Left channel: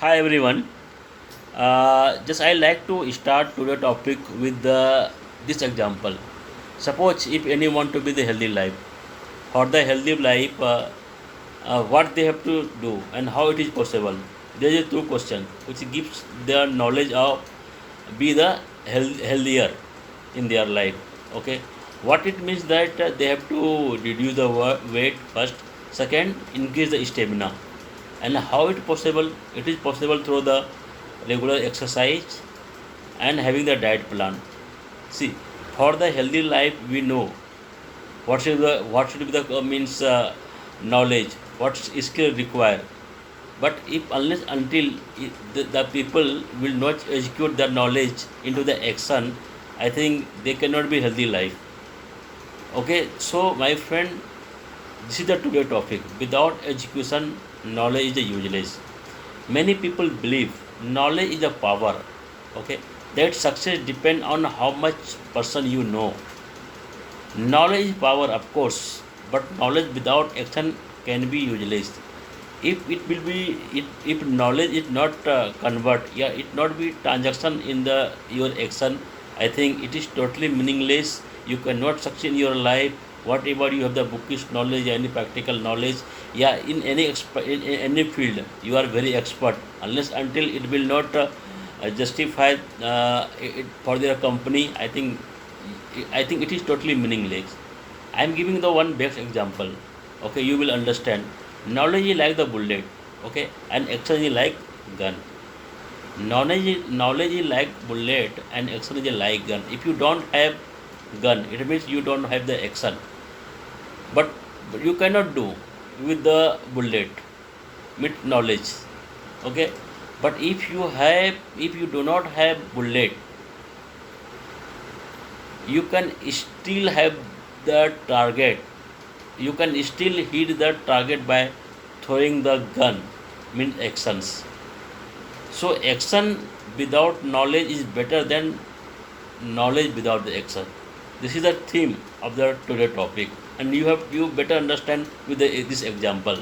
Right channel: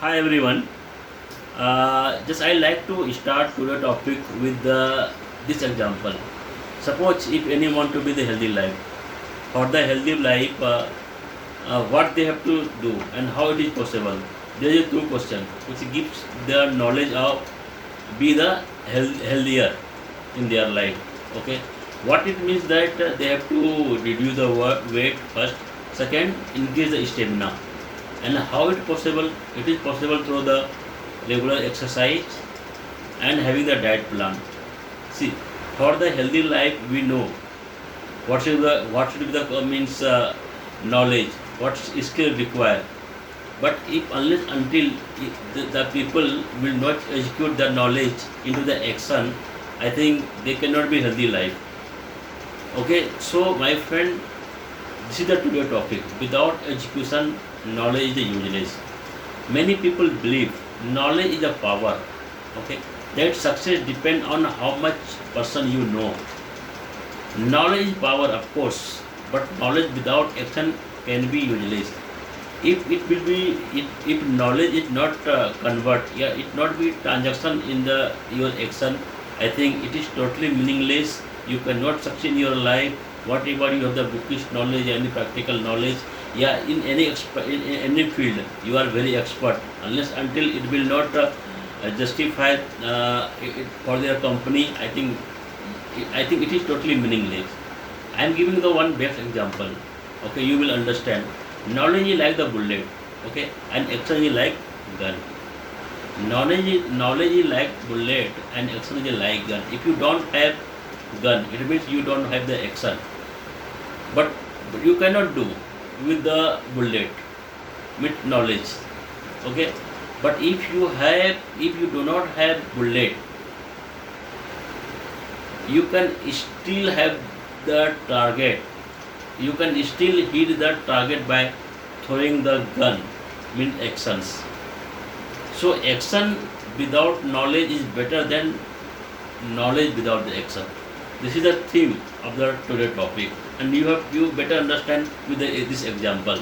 Hi everyone. Just I like to start today's topic with this example. Suppose if anyone want to be the healthy life, for the healthy life, what they have to do and how it is possible. There is two question which gives the knowledge of be the healthier in their life. Okay, what it means that they have to reduce the weight first. Second, increase the stamina. And how it possible? It is possible through the regular exercise and having the diet plan. See, for the healthy life, we know what should be the means knowledge, what skill required. But if unless until the people will not execute the knowledge into the action, I think they cannot be healthy life. Okay, so my friend, this is the today topic. Without education, knowledge is useless. Many people believe knowledge is a power. Okay, that success depends on how much person you know. Knowledge is power, of course, but knowledge without action can be useless. If knowledge is not convert, yeah, it not be transaction in the your action. I think it is totally meaningless. You cannot succeed in your life. Whatever you have the bookish knowledge, any practical knowledge, yeah, in any in any field, you are very expert. Unless until it will not justify for their company, I think it is totally meaningless. I am giving the one best example. Okay, you will understand. Knowledge is like the bullet, okay, and action is like gun. Knowledge is like bullet and action is like gun. If you don't have gun, it means you don't have the action. But, but you cannot do with the bullet with knowledge, okay. But if you do not have bullet, you can still have the target. You can still hit the target by throwing the gun, means actions. So action without knowledge is better than knowledge without the action. This is the theme of the today topic, and you better understand with this example.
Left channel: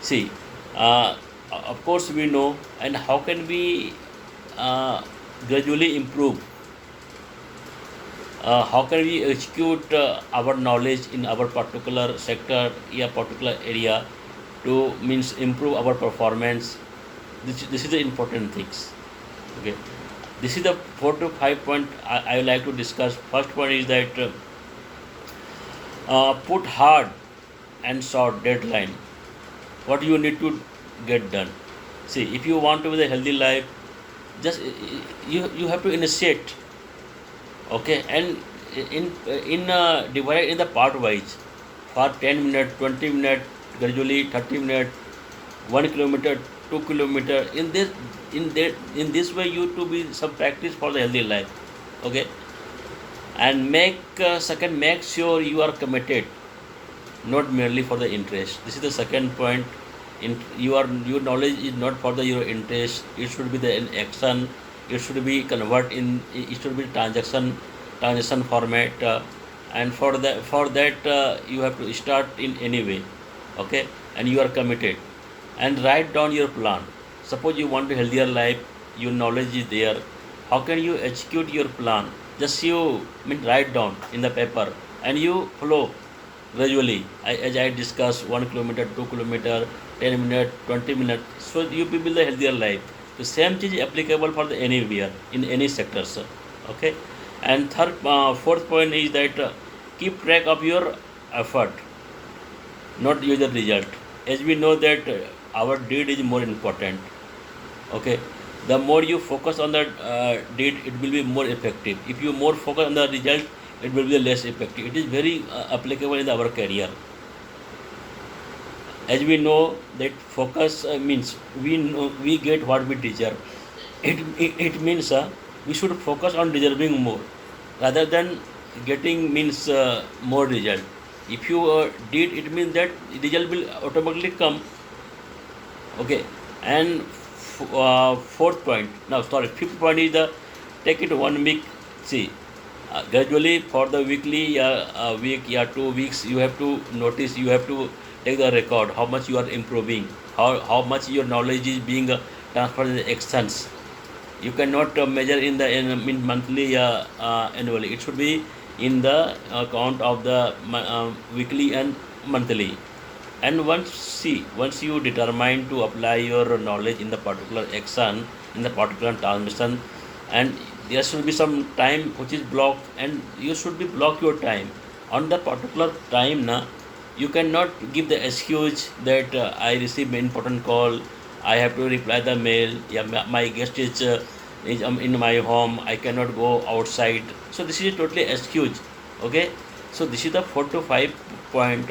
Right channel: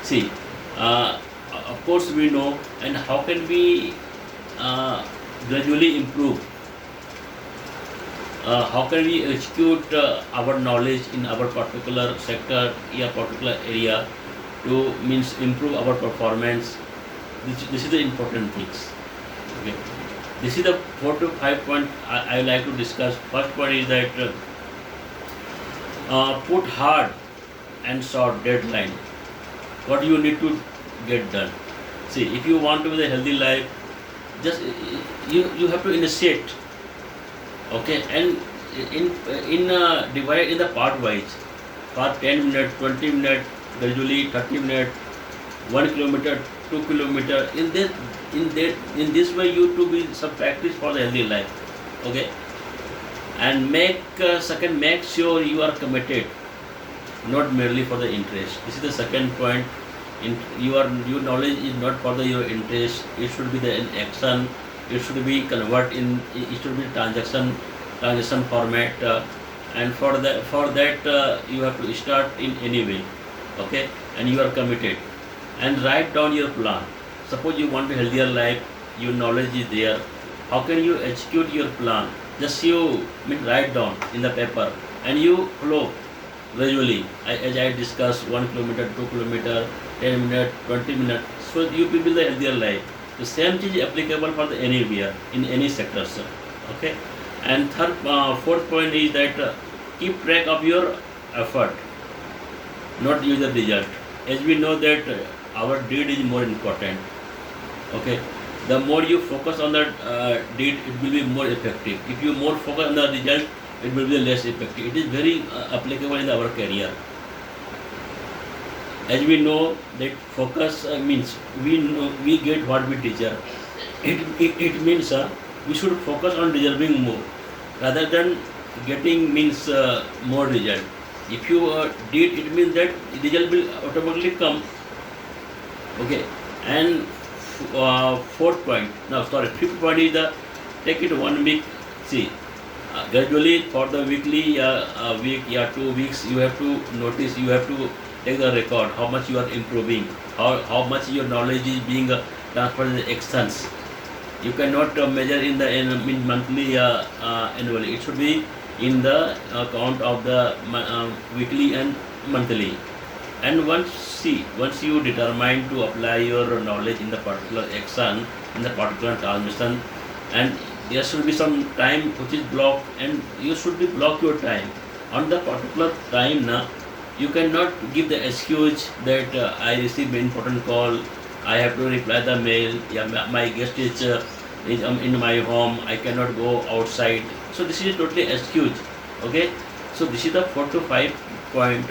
See, of course we know, and how can we gradually improve, how can we execute our knowledge in our particular sector, yeah, particular area, to means improve our performance. This is the important things. Okay, this is the 4 to 5 point I like to discuss. First point is that put hard and short deadline. What you need to get done. See, if you want to be a healthy life, just you have to initiate. Okay, and divide in the part wise, for 10 minutes, 20 minutes, gradually 30 minutes, 1 kilometer, 2 kilometer. In this way, you to be some practice for the healthy life. Okay, and make sure you are committed, not merely for the interest. This is the second point. Your knowledge is not for your interest. It should be the in action. It should be convert in. It should be transaction format. And for that you have to start in any way. Okay, and you are committed. And write down your plan. Suppose you want a healthier life. Your knowledge is there. How can you execute your plan? Just write down in the paper, and you follow gradually, as I discussed, 1 kilometer, 2 kilometer, 10 minutes, 20 minutes. So you will build a healthier life. The same thing is applicable for the anywhere in any sectors. Okay, and fourth point is that keep track of your effort, not user result. As we know that our deed is more important. Okay, the more you focus on the deed, it will be more effective. If you more focus on the result, it will be less effective. It is very applicable in our career. As we know that focus means we get what we deserve. It means we should focus on deserving more rather than getting means more result. If you did, it means that result will automatically come. Okay, and fourth point. Now, sorry, fifth point is the take it 1 week. See, gradually for the weekly week, 2 weeks, you have to take the record how much you are improving, how much your knowledge is being transfer the actions. You cannot measure in monthly annually. It should be in the count of the weekly and monthly. And once you determine to apply your knowledge in the particular action, in the particular transmission, and there should be some time which is blocked, and you should be block your time on the particular time. Now you cannot give the excuse that I received an important call, I have to reply the mail, yeah, my guest is in my home, I cannot go outside. So this is totally excuse. Okay, so this is the 4 to 5 point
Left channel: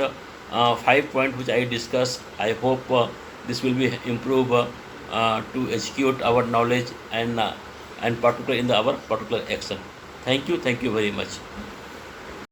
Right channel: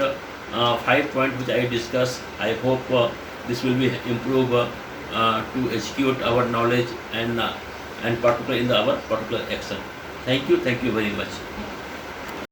5 point which I discuss. I hope this will be improve to execute our knowledge and particular in our particular action. Thank you very much.